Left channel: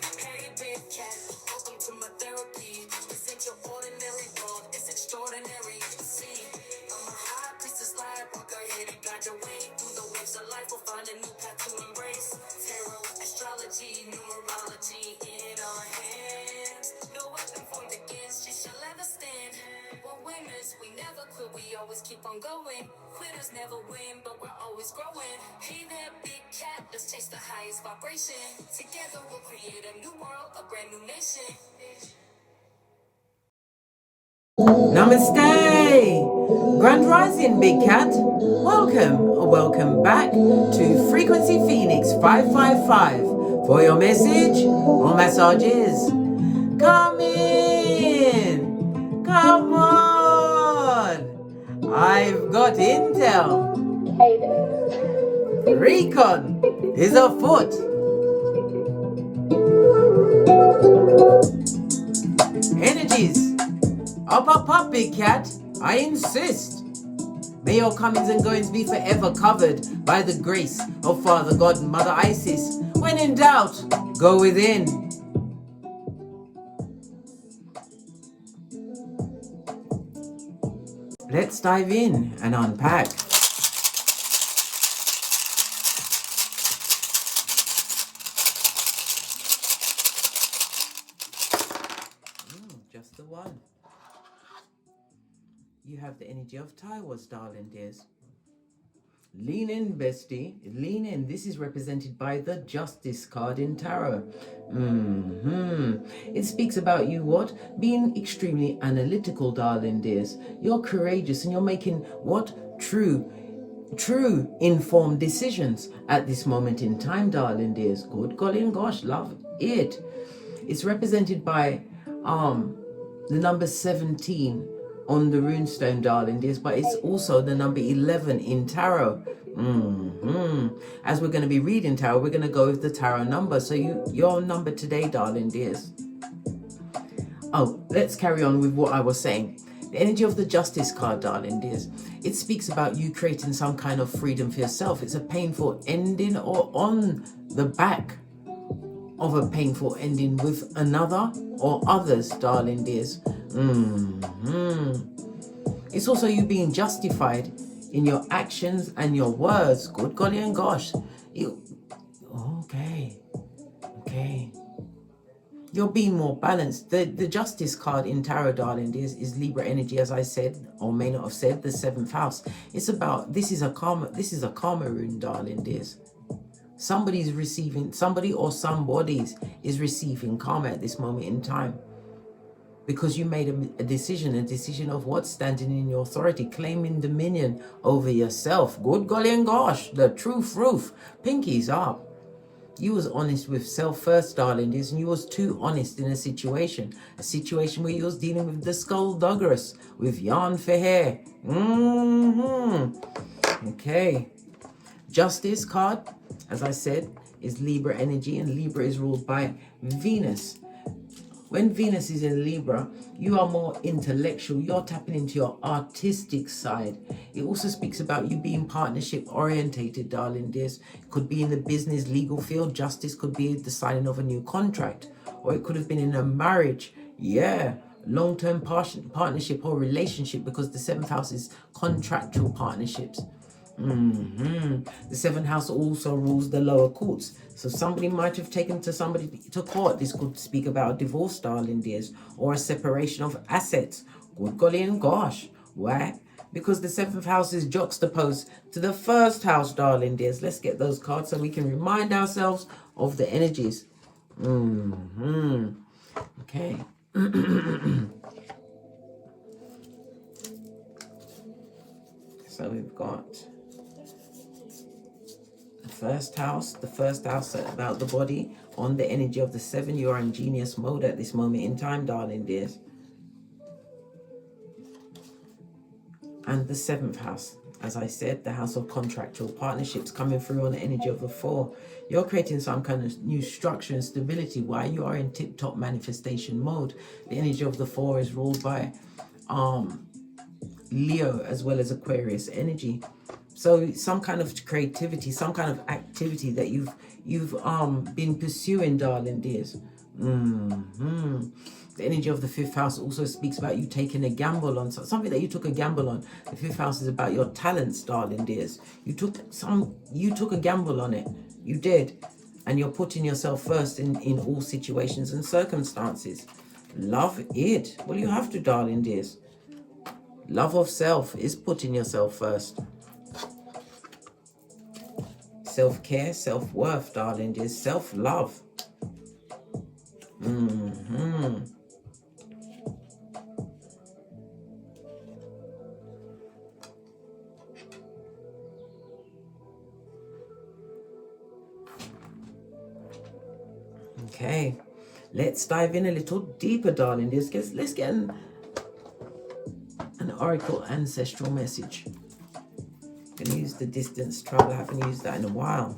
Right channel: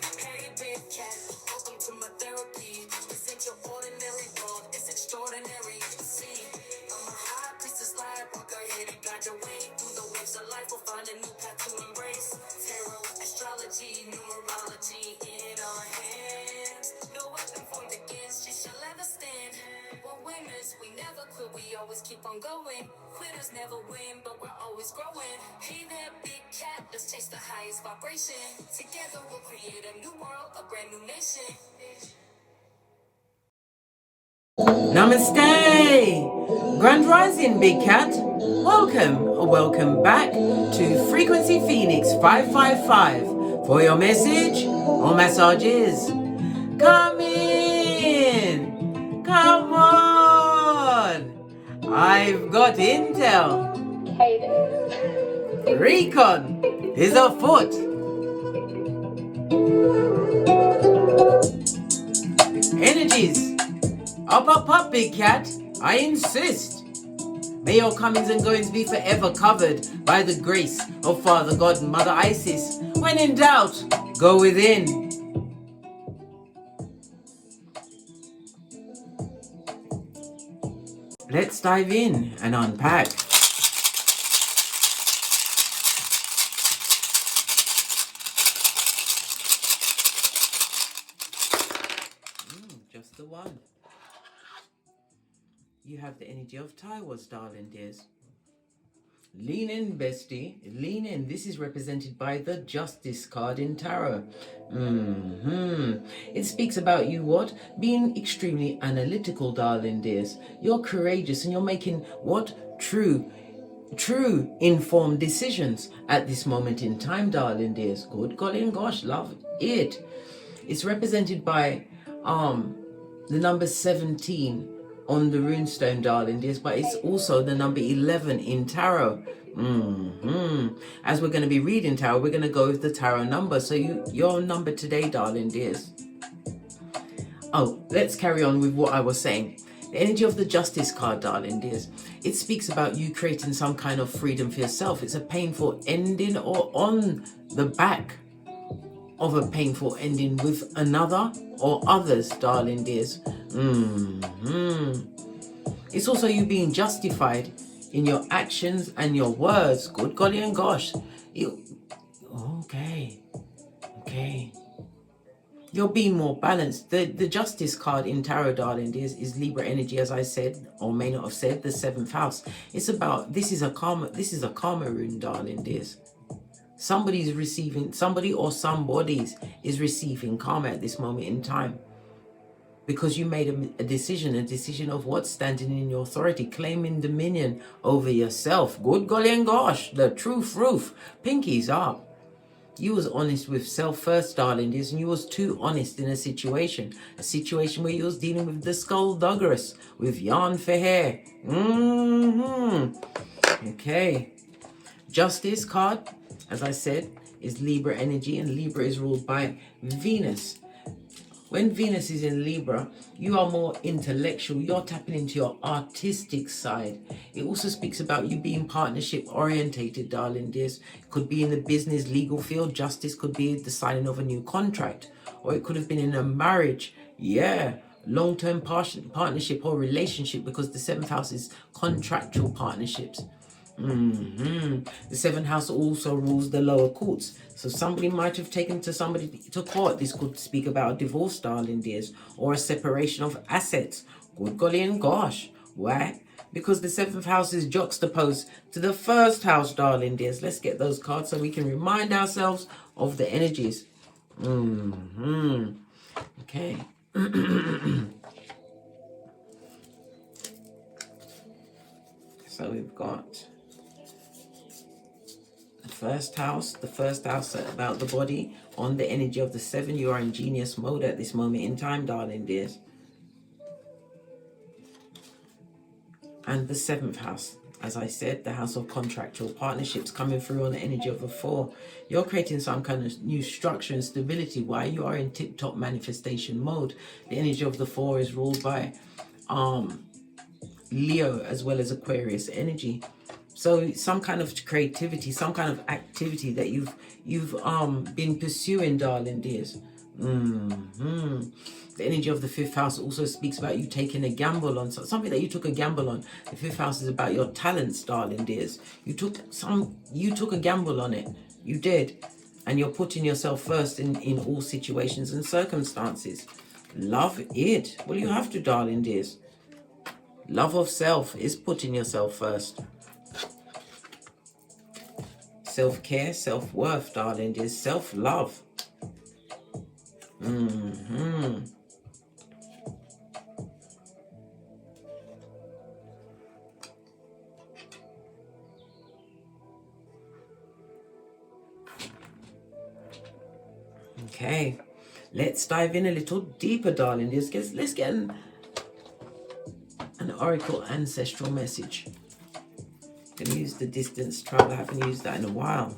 Hey, big cat, welcome to my therapy. This ain't your ordinary world, it's extraordinary. See, I'm a high priestess lightworker, here to guide your way through the waves of life. We'll find a new path to embrace. Tarot, astrology, numerology in our hands. No weapon formed against you shall ever stand. We're winners, we never quit, we always keep on going. Quitters never win, but we're always growing. Hey there, big cat, let's chase the highest vibration. Together we'll create a new world, a brand new nation. Namaste! Grand Rising, Big Cat. Welcome back to Frequency Phoenix 555 for your message or messages. Come in! Come on! I've got intel. Hey there. Recon is afoot. Energies. Up, Big Cat. I insist. May your comings and goings be forever covered by the grace of Father God and Mother Isis. When in doubt, go within. Let's dive in and unpack. Just the one. You have the energy of Taiwas, darling dears. Lean in, bestie. Lean in. This is represented by the Justice card in Tarot. It speaks about you, what? Being extremely analytical, darling dears. You're courageous and you're making what? True informed decisions at this moment in time, darling dears. Good golly and gosh, love it. It's represented by the number 17 on the runestone, darling dears, but it's also the number 11 in tarot. As we're going to be reading tarot, we're going to go with the tarot number. So your number today, darling dears. Oh, let's carry on with what I was saying. The energy of the Justice card, darling dears. It speaks about you creating some kind of freedom for yourself. It's a painful ending or on the back of a painful ending with another or others, darling dears. It's also you being justified in your actions and your words. Good golly and gosh. Okay. You're being more balanced. The Justice card in Tarot, darling dears, is Libra energy, as I said, or may not have said, the 7th house. It's about, this is a karma rune, darling dears. Somebody or somebody's is receiving karma at this moment in time. Because you made a decision of what? Standing in your authority, claiming dominion over yourself. Good golly and gosh, the truth roof. Pinkies up. You was honest with self first, darling, and you was too honest in a situation where you was dealing with the skullduggeress, with yarn for hair. Okay. Justice card, as I said, is Libra energy, and Libra is ruled by Venus. When Venus is in Libra, you are more intellectual. You're tapping into your artistic side. It also speaks about you being partnership orientated, darling dears. It could be in the business, legal field. Justice could be the signing of a new contract. Or it could have been in a marriage. Yeah. Long-term partnership or relationship, because the 7th house is contractual partnerships. The 7th house also rules the lower courts. So somebody might have taken somebody to court. This could speak about a divorce, darling dears, or a separation of assets. Good golly and gosh. Why? Because the 7th house is juxtaposed to the 1st house, darling dears. Let's get those cards so we can remind ourselves of the energies. Okay. So we've got the first house about the body. On the energy of the 7, you are in genius mode at this moment in time, darling dears. And the 7th house, as I said, the house of contractual partnerships, coming through on the energy of the 4. You're creating some kind of new structure and stability while you are in tip-top manifestation mode. The energy of the 4 is ruled by Leo as well as Aquarius energy. So some kind of creativity, some kind of activity that you've been pursuing, darling dears. The energy of the fifth house also speaks about you taking a gamble on something that you took a gamble on. The fifth house is about your talents, darling dears. You took a gamble on it. You did. And you're putting yourself first in all situations and circumstances. Love it. Well, you have to, darling dears. Love of self is putting yourself first. Self-care, self-worth, darling dears. Self-love. Okay, let's dive in a little deeper, darling. Let's get an oracle ancestral message. Can use the distance travel. I haven't used that in a while.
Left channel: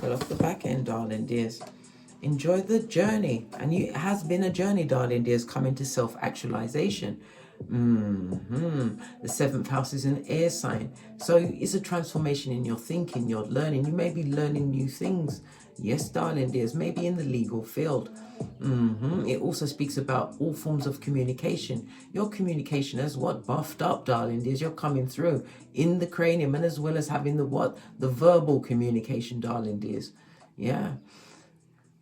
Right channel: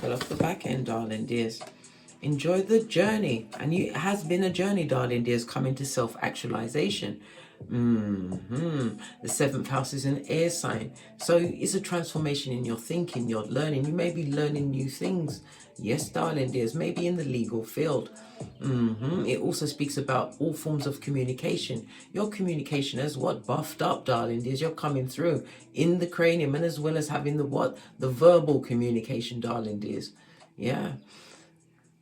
Got off the back end, darling dears. Enjoy the journey. And it has been a journey, darling dears, coming to self-actualization. The seventh house is an air sign. So it's a transformation in your thinking, your learning. You may be learning new things. Yes, darling dears, maybe in the legal field. It also speaks about all forms of communication. Your communication is what buffed up, darling dears. You're coming through in the cranium, and as well as having the verbal communication, darling dears. Yeah.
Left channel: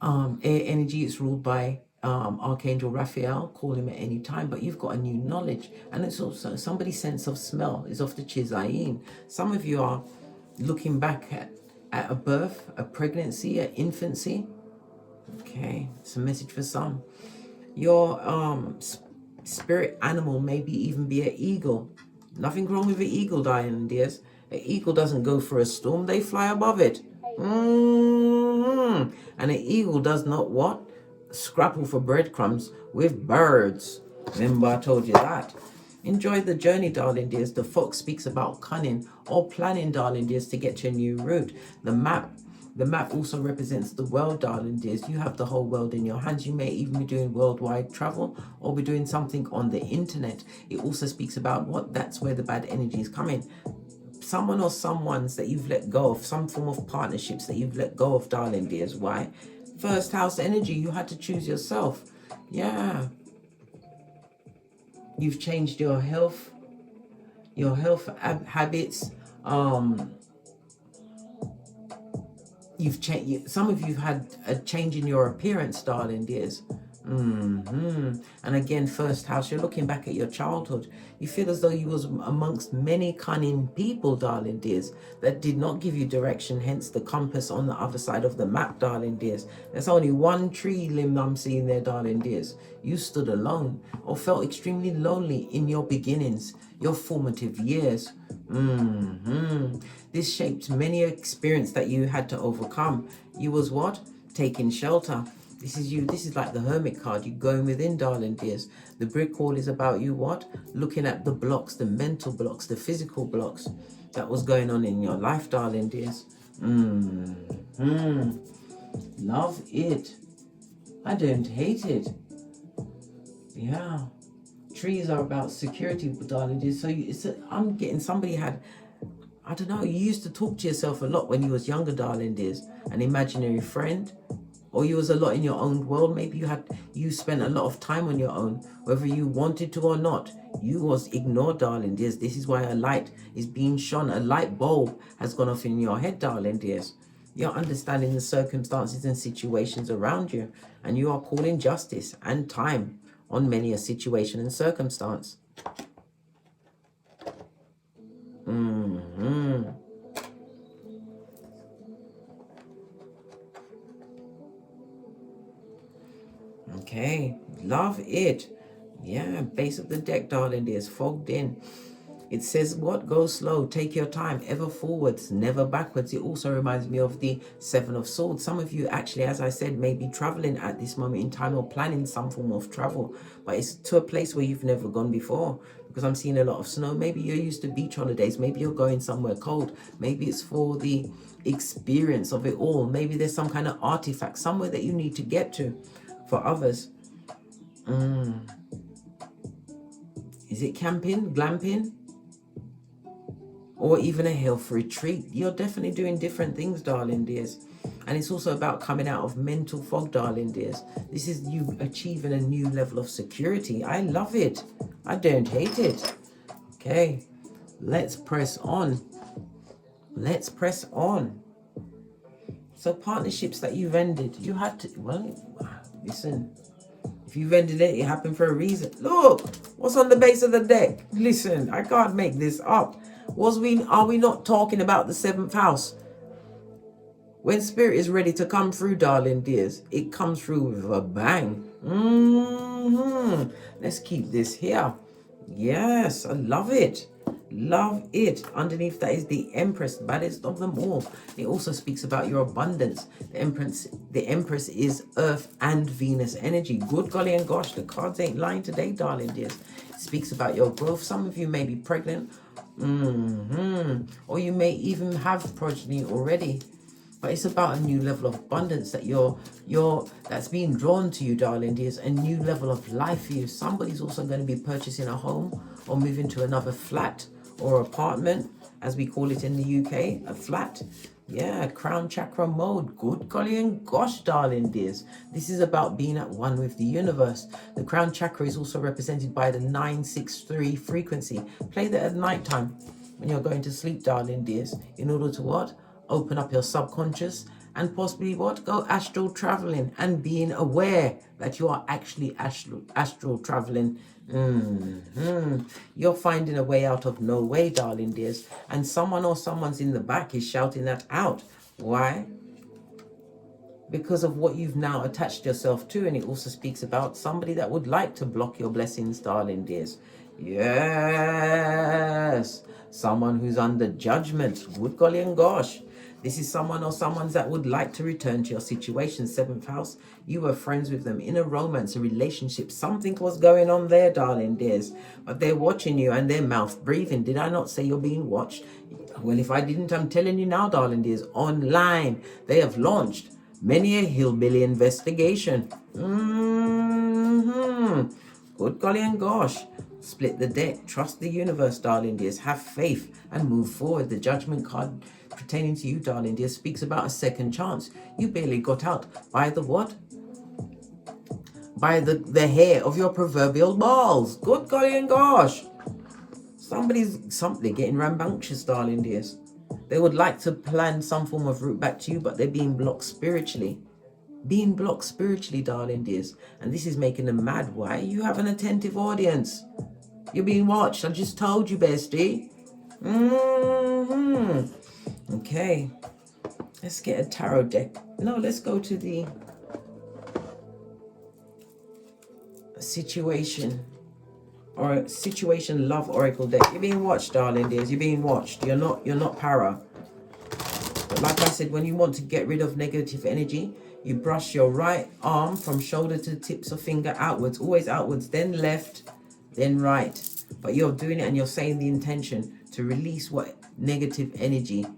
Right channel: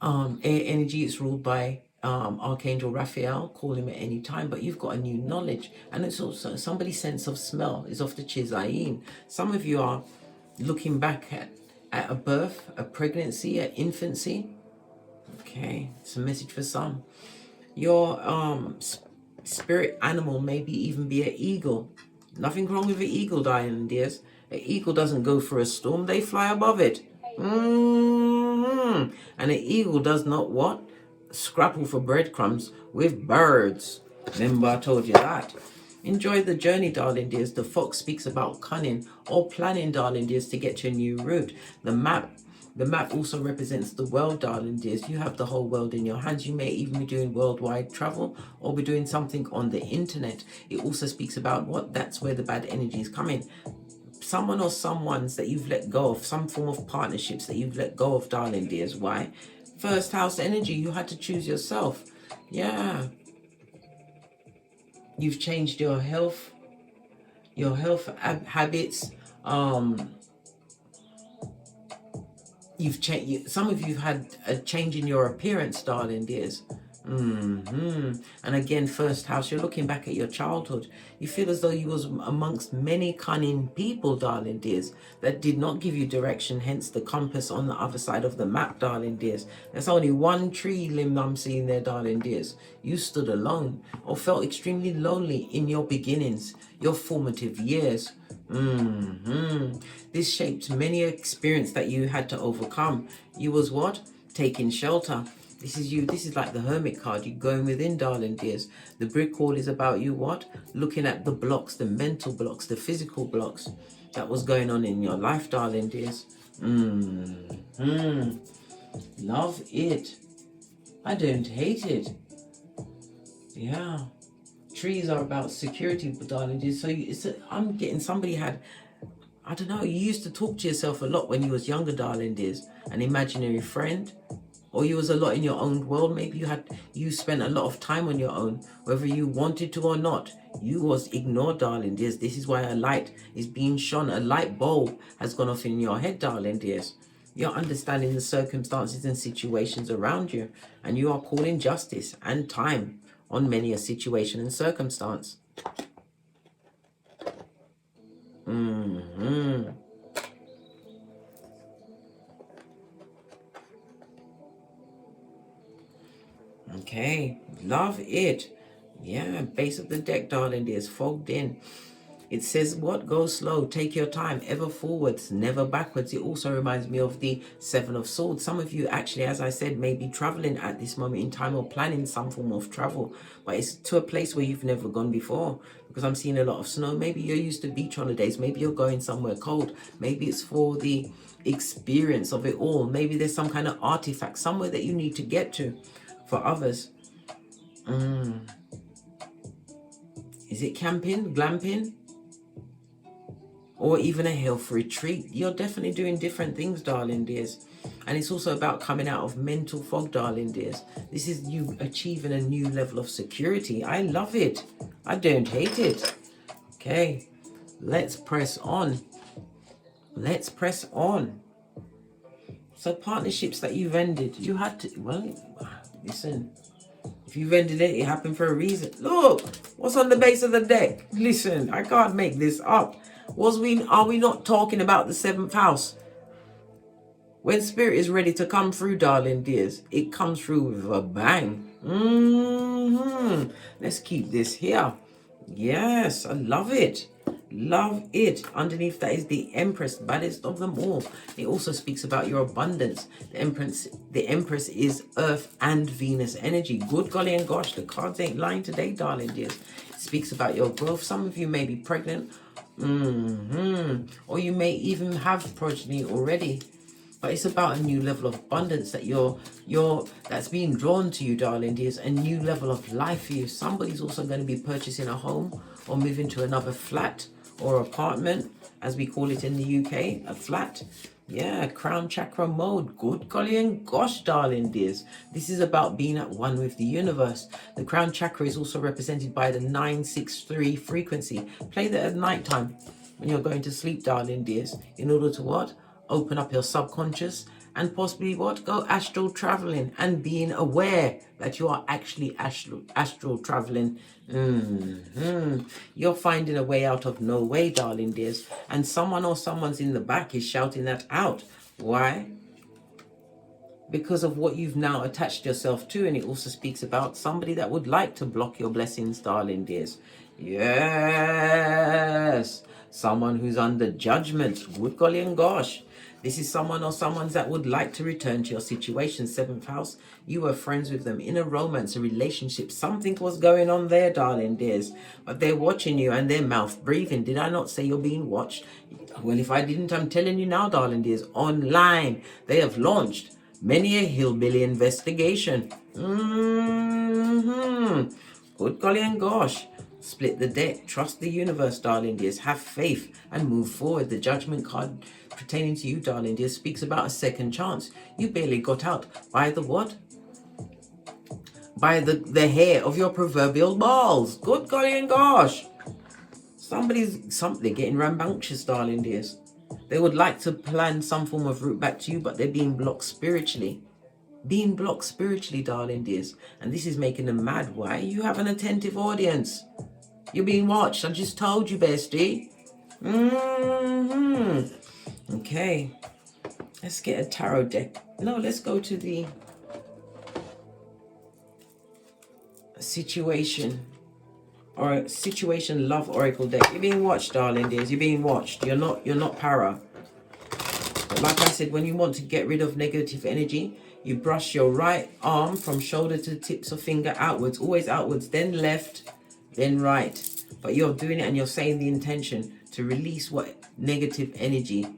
Air energy is ruled by Archangel Raphael. Call him at any time, but you've got a new knowledge, and it's also somebody's sense of smell is off the Chizayin. Some of you are looking back at a birth, a pregnancy, an infancy. Okay, it's a message for some. Your spirit animal maybe even be an eagle. Nothing wrong with an eagle, darling dears. An eagle doesn't go for a storm, they fly above it. And an eagle does not what? Scrapple for breadcrumbs with birds. Remember I told you that. Enjoy the journey, darling dears. The fox speaks about cunning or planning, darling dears, to get to a new route. The map also represents the world, darling dears. You have the whole world in your hands. You may even be doing worldwide travel or be doing something on the internet. It also speaks about that's where the bad energy is coming. Someone or someones that you've let go of, some form of partnerships that you've let go of, darling dears. Why? First house energy, you had to choose yourself. Yeah. You've changed your health habits. You've changed. Some of you've had a change in your appearance, darling dears. And again, first house, you're looking back at your childhood. You feel as though you was amongst many cunning people, darling dears, that did not give you direction, hence the compass on the other side of the map, darling dears. There's only one tree limb I'm seeing there, darling dears. You stood alone or felt extremely lonely in your beginnings, your formative years. This shaped many experience that you had to overcome. You was what? Taking shelter. This is you. This is like the Hermit card. You're going within, darling dears. The brick wall is about you what? Looking at the blocks, the mental blocks, the physical blocks that was going on in your life, darling dears. Love it. I don't hate it. Yeah. Trees are about security, darling dears. So I'm getting somebody had, I don't know, you used to talk to yourself a lot when you was younger, darling dears. An imaginary friend. Or you was a lot in your own world. Maybe you spent a lot of time on your own, whether you wanted to or not. You was ignored, darling dears. This is why a light is being shone. A light bulb has gone off in your head, darling dears. You're understanding the circumstances and situations around you, and you are calling justice and time on many a situation and circumstance. Okay, love it. Yeah, base of the deck, darling dears, fogged in. It says what? Go slow, take your time, ever forwards, never backwards. It also reminds me of the Seven of Swords. Some of you actually, as I said, may be traveling at this moment in time or planning some form of travel, but it's to a place where you've never gone before, because I'm seeing a lot of snow. Maybe you're used to beach holidays. Maybe you're going somewhere cold. Maybe it's for the experience of it all. Maybe there's some kind of artifact somewhere that you need to get to. For others, is it camping, glamping, or even a health retreat? You're definitely doing different things, darling dears. And it's also about coming out of mental fog, darling dears. This is you achieving a new level of security. I love it. I don't hate it. Okay, let's press on. Let's press on. So partnerships that you've ended, you had to, well, listen. If you've ended it, it happened for a reason. Look, what's on the base of the deck? Listen, I can't make this up. Are we not talking about the 7th house? When spirit is ready to come through, darling dears, it comes through with a bang. Let's keep this here. Yes, I love it. Love it. Underneath that is the Empress, baddest of them all. It also speaks about your abundance. The Empress is Earth and Venus energy. Good golly and gosh, the cards ain't lying today, darling dears. It speaks about your growth. Some of you may be pregnant. Or you may even have progeny already. But it's about a new level of abundance that that's being drawn to you, darling dears. A new level of life for you. Somebody's also going to be purchasing a home or moving to another flat or apartment, as we call it in the UK, a flat. Yeah, crown chakra mode. Good golly and gosh, darling dears. This is about being at one with the universe. The crown chakra is also represented by the 963 frequency. Play that at night time when you're going to sleep, darling dears, in order to what? Open up your subconscious and possibly what? Go astral traveling and being aware that you are actually astral traveling. You're finding a way out of no way, darling dears. And someone or someone's in the back is shouting that out. Why? Because of what you've now attached yourself to. And it also speaks about somebody that would like to block your blessings, darling dears. Yes. Someone who's under judgment. Good golly and gosh. This is someone or someone that would like to return to your situation, 7th house. You were friends with them in a romance, a relationship. Something was going on there, darling dears. But they're watching you and they're mouth breathing. Did I not say you're being watched? Well, if I didn't, I'm telling you now, darling dears. Online, they have launched many a hillbilly investigation. Good golly and gosh. Split the deck. Trust the universe, darling dears. Have faith and move forward. The judgment card pertaining to you, darling dear, speaks about a second chance. You barely got out by the what? By the hair of your proverbial balls. Good golly and gosh. They're getting rambunctious, darling dears. They would like to plan some form of route back to you, but they're being blocked spiritually. Being blocked spiritually, darling dears. And this is making them mad. Why? You have an attentive audience. You're being watched. I just told you, bestie. Okay, let's get a tarot deck. No, let's go to the situation love oracle deck. You're being watched, darling dears. You're being watched. You're not para. But like I said, when you want to get rid of negative energy, you brush your right arm from shoulder to tips of finger outwards, always outwards, then left, then right. But you're doing it and you're saying the intention to release what negative energy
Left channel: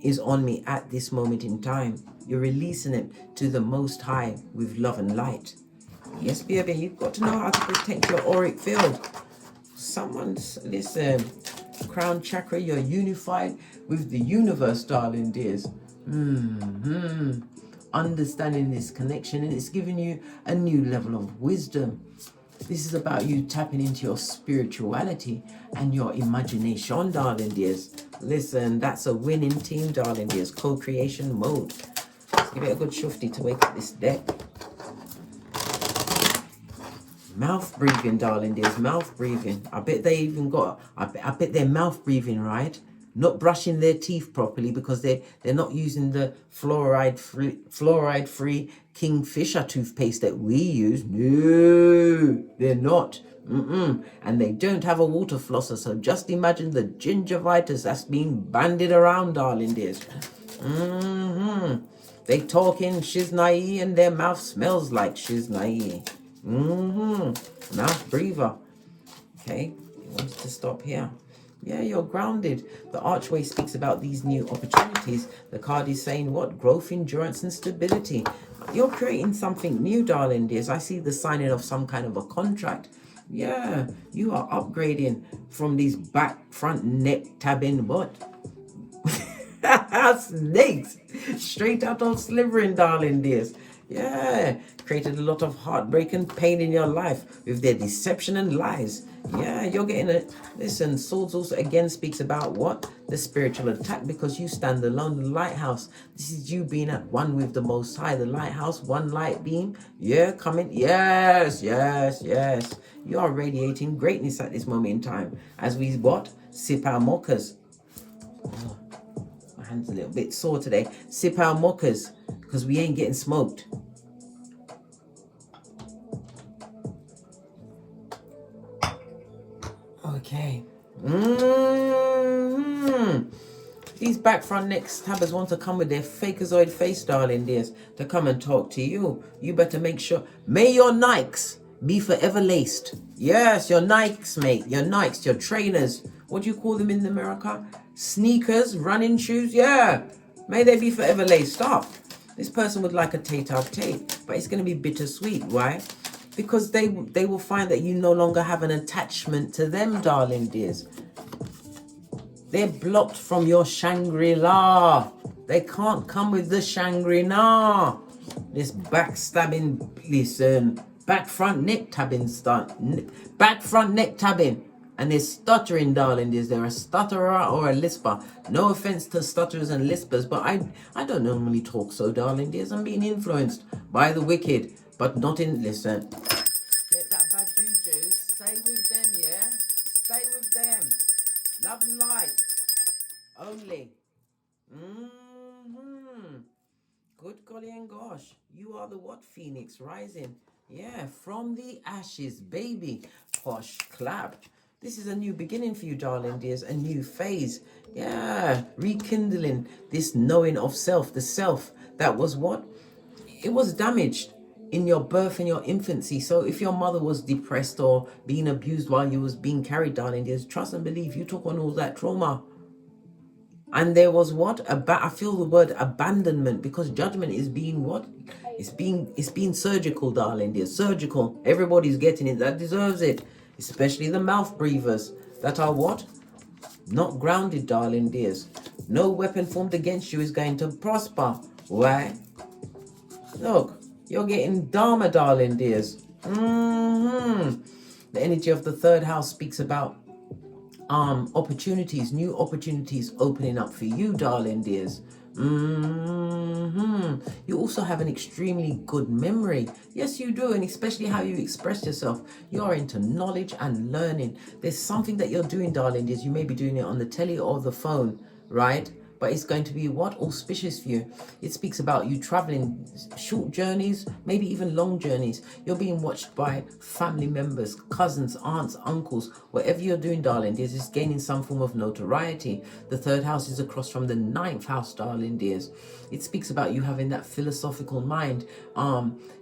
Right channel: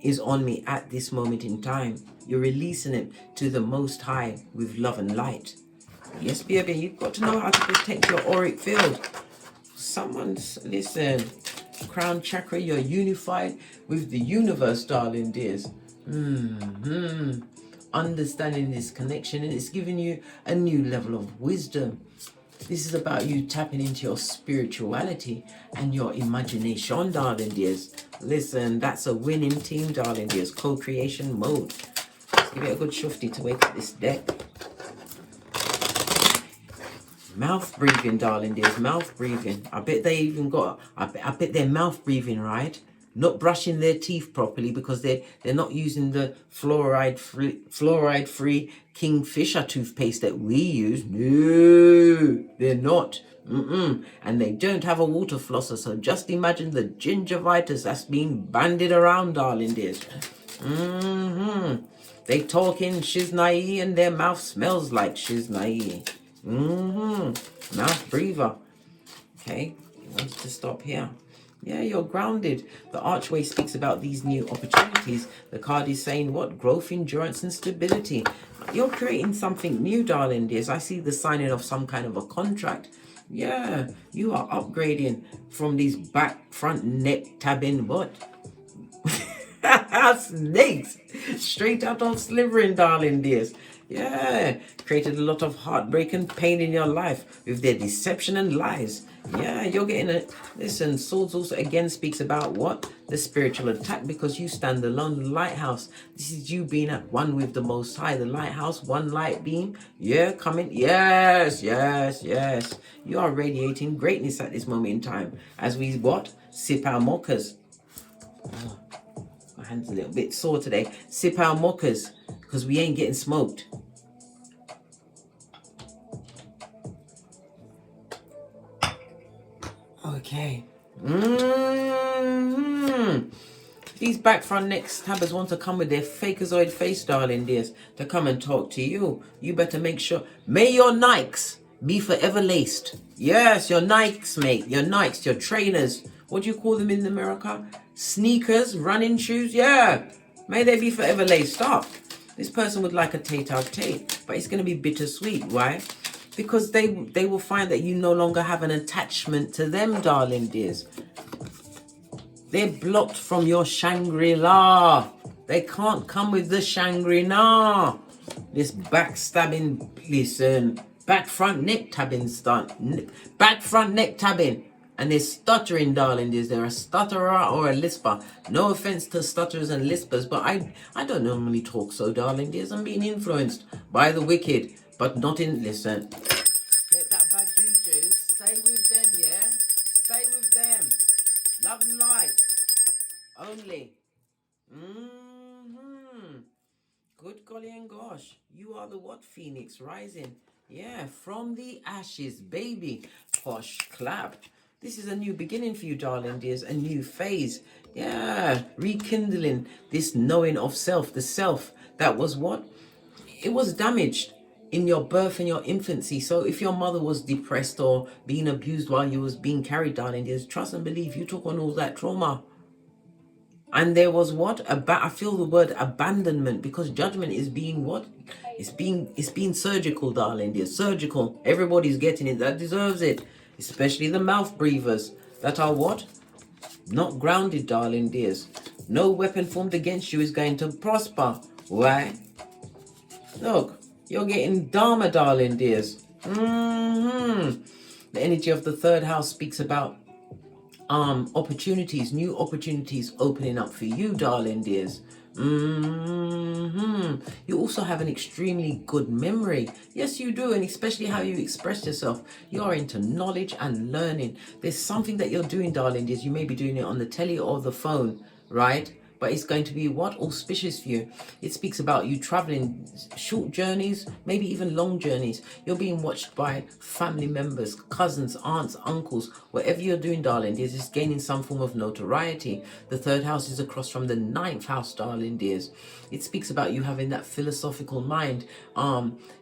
is on me at this moment in time. You're releasing it to the Most High with love and light. Yes, baby, you've got to know how to protect your auric field. Listen, crown chakra, you're unified with the universe, darling dears. Understanding this connection, and it's giving you a new level of wisdom. This is about you tapping into your spirituality and your imagination, darling dears. Listen, that's a winning team, darling dears. Co-creation mode. Give it a good shufty to wake up this deck. Mouth breathing, darling dears. Mouth breathing. I bet they even got, I bet they're mouth breathing, right? Not brushing their teeth properly because they're not using the fluoride-free Kingfisher toothpaste that we use. No, they're not. And they don't have a water flosser, so just imagine the gingivitis that's being bandied around, darling dears. They talk in shiznai and their mouth smells like shiznai. Mouth breather. Okay, wants to stop here. Yeah, you're grounded. The archway speaks about these new opportunities. The card is saying what? Growth, endurance, and stability. You're creating something new, darling dears. I see the signing of some kind of a contract. Yeah, you are upgrading from these back, front, neck, tabbing, what? Snakes. Straight out of slivering, darling dears. Yeah, created a lot of heartbreak and pain in your life with their deception and lies. Yeah, you're getting a... Listen, Swords also again speaks about what? The spiritual attack, because you stand alone, the lighthouse. This is you being at one with the Most High, the lighthouse, one light beam. Yeah, coming. Yes, yes, yes. You are radiating greatness at this moment in time. As we, what? Sip our mochas. Oh, my hand's a little bit sore today. Sip our mochas, because we ain't getting smoked. Okay. These back, front, neck stabbers want to come with their fakeazoid face, darling dears, to come and talk to you. You better make sure. May your Nikes be forever laced. Yes, your Nikes, mate. Your Nikes, your trainers. What do you call them in America? Sneakers, running shoes. Yeah. May they be forever laced up. This person would like a tete-a-tete, but it's going to be bittersweet. Why? Because they will find that you no longer have an attachment to them, darling dears. They're blocked from your Shangri-La. They can't come with the Shangri-La. This backstabbing, listen, back front neck tabbing stunt. Back front neck tabbing. And they're stuttering, darling dears. They're a stutterer or a lisper. No offense to stutterers and lispers, but I don't normally talk so, darling dears. I'm being influenced by the wicked. But not in, listen. Let that bad juju stay with them, yeah? Stay with them. Love and light. Only. Good golly and gosh. You are the what? Phoenix rising. Yeah, from the ashes, baby. Posh clap. This is a new beginning for you, darling dears. A new phase. Yeah, rekindling this knowing of self. The self that was what? It was damaged in your birth and your infancy. So if your mother was depressed or being abused while you was being carried, darling dears, trust and believe you took on all that trauma. And there was what? I feel the word abandonment, because judgment is being what? It's being surgical, darling dears. Surgical. Everybody's getting it that deserves it. Especially the mouth breathers that are what? Not grounded, darling dears. No weapon formed against you is going to prosper. Why? Look. You're getting Dharma, darling dears. The energy of the third house speaks about opportunities, new opportunities opening up for you, darling dears. You also have an extremely good memory. Yes, you do, and especially how you express yourself. You are into knowledge and learning. There's something that you're doing, darling dears. You may be doing it on the telly or the phone, right? But it's going to be what? Auspicious for you. It speaks about you traveling short journeys, maybe even long journeys. You're being watched by family members, cousins, aunts, uncles. Whatever you're doing, darling dears, is gaining some form of notoriety. The third house is across from the 9th house, darling dears. It speaks about you having that philosophical mind.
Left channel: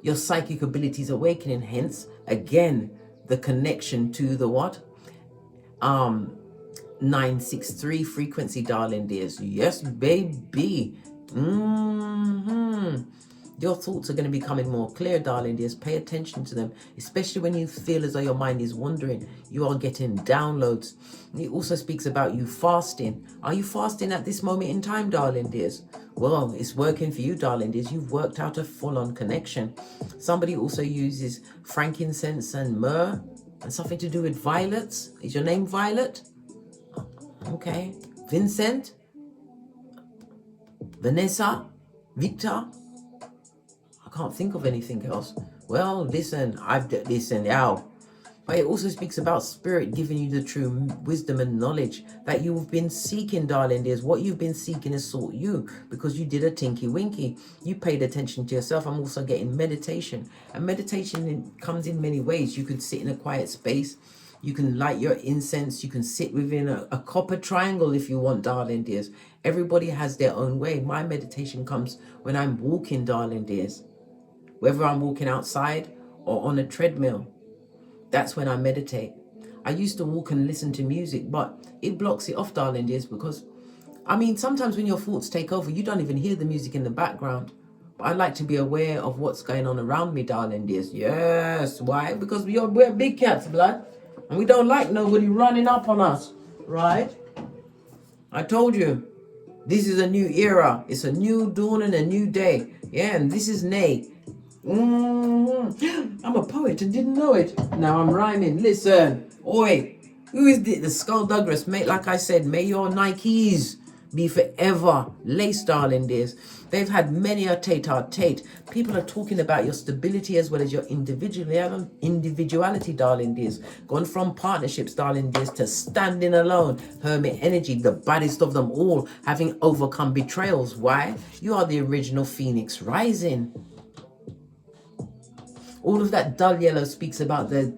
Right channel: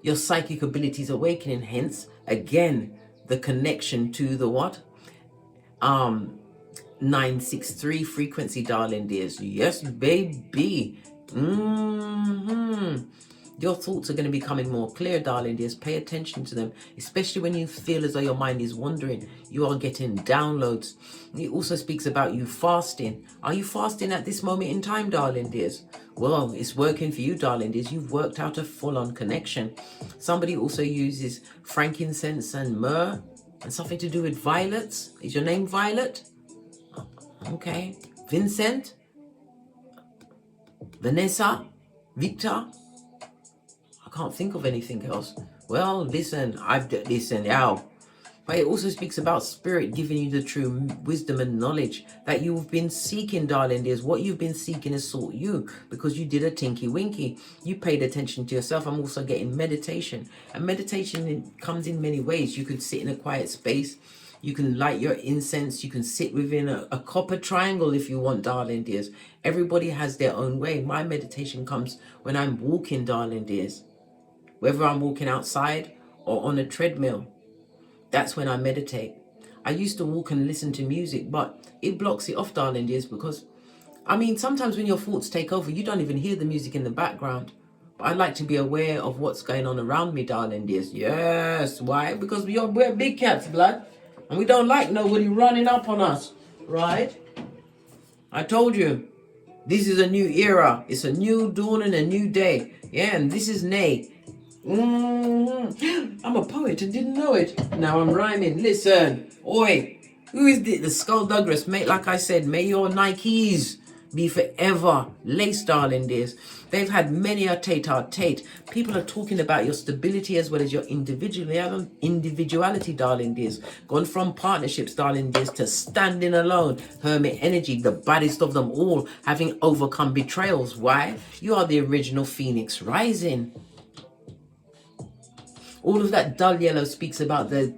Your psychic abilities awakening. Hence, again, the connection to the what? 963 frequency, darling dears. Yes, baby. Your thoughts are going to be becoming more clear, darling dears. Pay attention to them, especially when you feel as though your mind is wandering. You are getting downloads. It also speaks about you fasting. Are you fasting at this moment in time, darling dears? Well, it's working for you, darling dears. You've worked out a full-on connection. Somebody also uses frankincense and myrrh and something to do with violets. Is your name Violet? Okay. Vincent? Vanessa? Victor? I can't think of anything else. Well, listen, But it also speaks about spirit giving you the true wisdom and knowledge that you've been seeking, darling dears. What you've been seeking has sought you because you did a tinky winky. You paid attention to yourself. I'm also getting meditation. And meditation comes in many ways. You can sit in a quiet space. You can light your incense. You can sit within a copper triangle if you want, darling dears. Everybody has their own way. My meditation comes when I'm walking, darling dears. Whether I'm walking outside or on a treadmill. That's when I meditate. I used to walk and listen to music, but it blocks it off, darling dears, because, I mean, sometimes when your thoughts take over, you don't even hear the music in the background. But I like to be aware of what's going on around me, darling dears. Yes, why? Because we're big cats, blood, and we don't like nobody running up on us, right? I told you, this is a new era. It's a new dawn and a new day. Yeah, and this is Nay. I'm a poet and didn't know it. Now I'm rhyming. Listen, oi, who is this? The Skullduggeress. Mate, like I said, may your Nikes be forever laced, darling dears. They've had many a tete-a-tete. People are talking about your stability as well as your individuality, darling dears. Gone from partnerships, darling dears, to standing alone. Hermit energy, the baddest of them all, having overcome betrayals. Why? You are the original Phoenix rising. All of that dull yellow speaks about the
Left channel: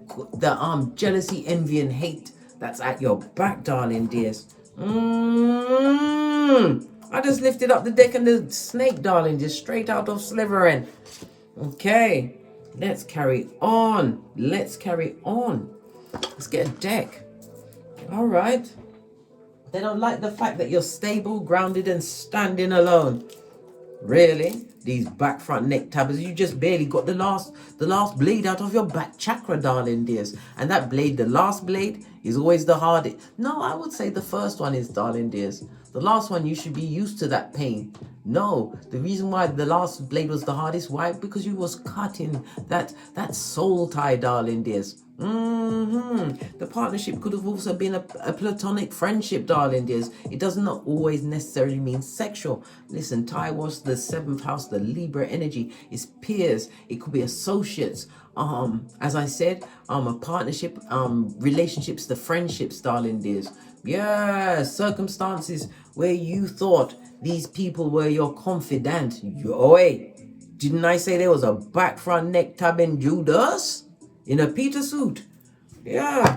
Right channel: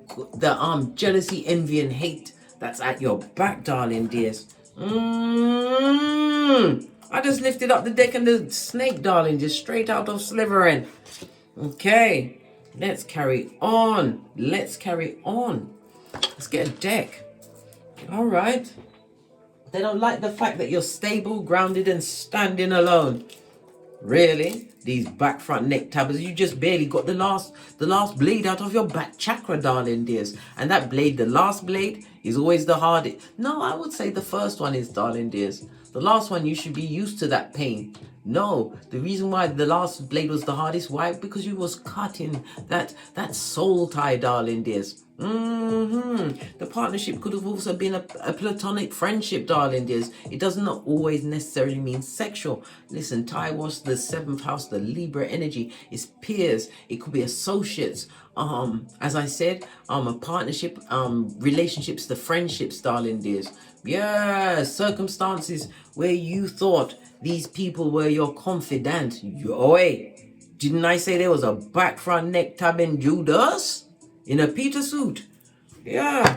jealousy, envy, and hate that's at your back, darling dears. I just lifted up the deck and the snake, darling, just straight out of Slytherin. Okay, let's carry on. Let's carry on. Let's get a deck. All right. They don't like the fact that you're stable, grounded, and standing alone. Really? These back, front, neck tabbers, you just barely got the last blade out of your back chakra, darling dears. And that blade, the last blade, is always the hardest. No, I would say the first one is, darling dears. The last one, you should be used to that pain. No, the reason why the last blade was the hardest, why? Because you was cutting that soul tie, darling dears. The partnership could have also been a platonic friendship, darling dears. It does not always necessarily mean sexual. Listen, Thai was the 7th house, the Libra energy. It's peers. It could be associates. As I said, a partnership, relationships to friendships, darling dears. Yeah, circumstances where you thought these people were your confidant. Wait, didn't I say there was a back, front, neck tab in Judas? In a Peter suit. Yeah.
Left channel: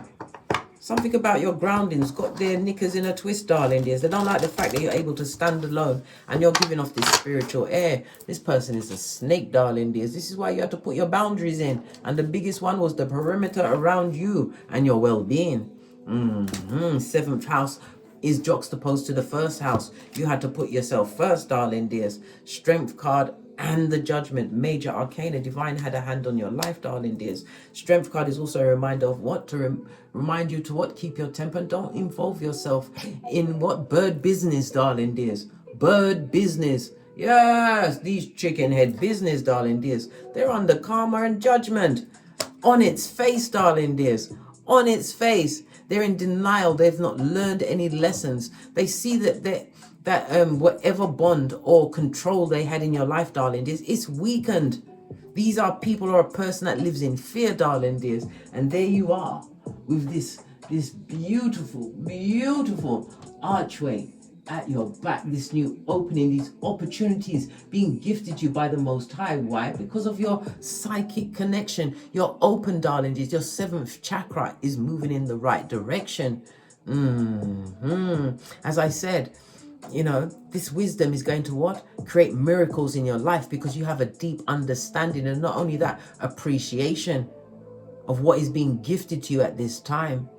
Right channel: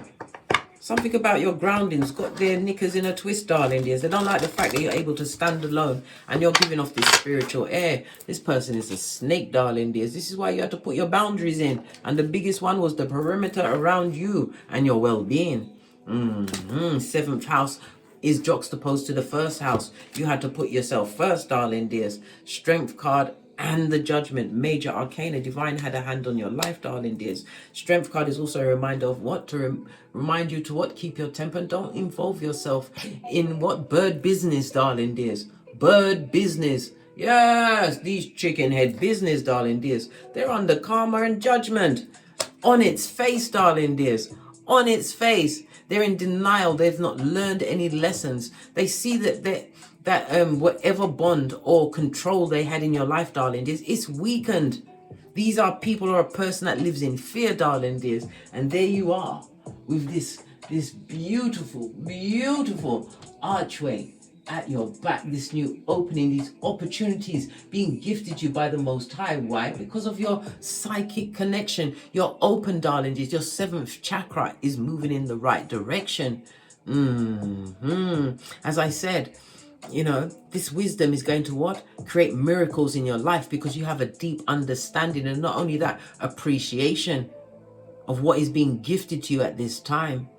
Something about your groundings got their knickers in a twist, darling dears. They don't like the fact that you're able to stand alone and you're giving off this spiritual air. This person is a snake, darling dears. This is why you have to put your boundaries in. And the biggest one was the perimeter around you and your well-being. 7th house is juxtaposed to the 1st house. You had to put yourself first, darling dears. Strength card and the Judgment, major arcana. Divine had a hand on your life, darling dears. Strength card is also a reminder of what to remind you to what, keep your temper and don't involve yourself in what, bird business, darling dears. Bird business. Yes, these chicken head business, darling dears. They're under karma and judgment. On its face, darling dears. On its face. They're in denial. They've not learned any lessons. They see that whatever bond or control they had in your life, darling dears, it's weakened. These are people or a person that lives in fear, darling dears. And there you are with this beautiful, beautiful archway at your back, this new opening, these opportunities being gifted you by the Most High. Why? Because of your psychic connection. You're open, darling dears. Your 7th chakra is moving in the right direction. As I said, you know, this wisdom is going to what? Create miracles in your life because you have a deep understanding, and not only that, appreciation of what is being gifted to you at this time.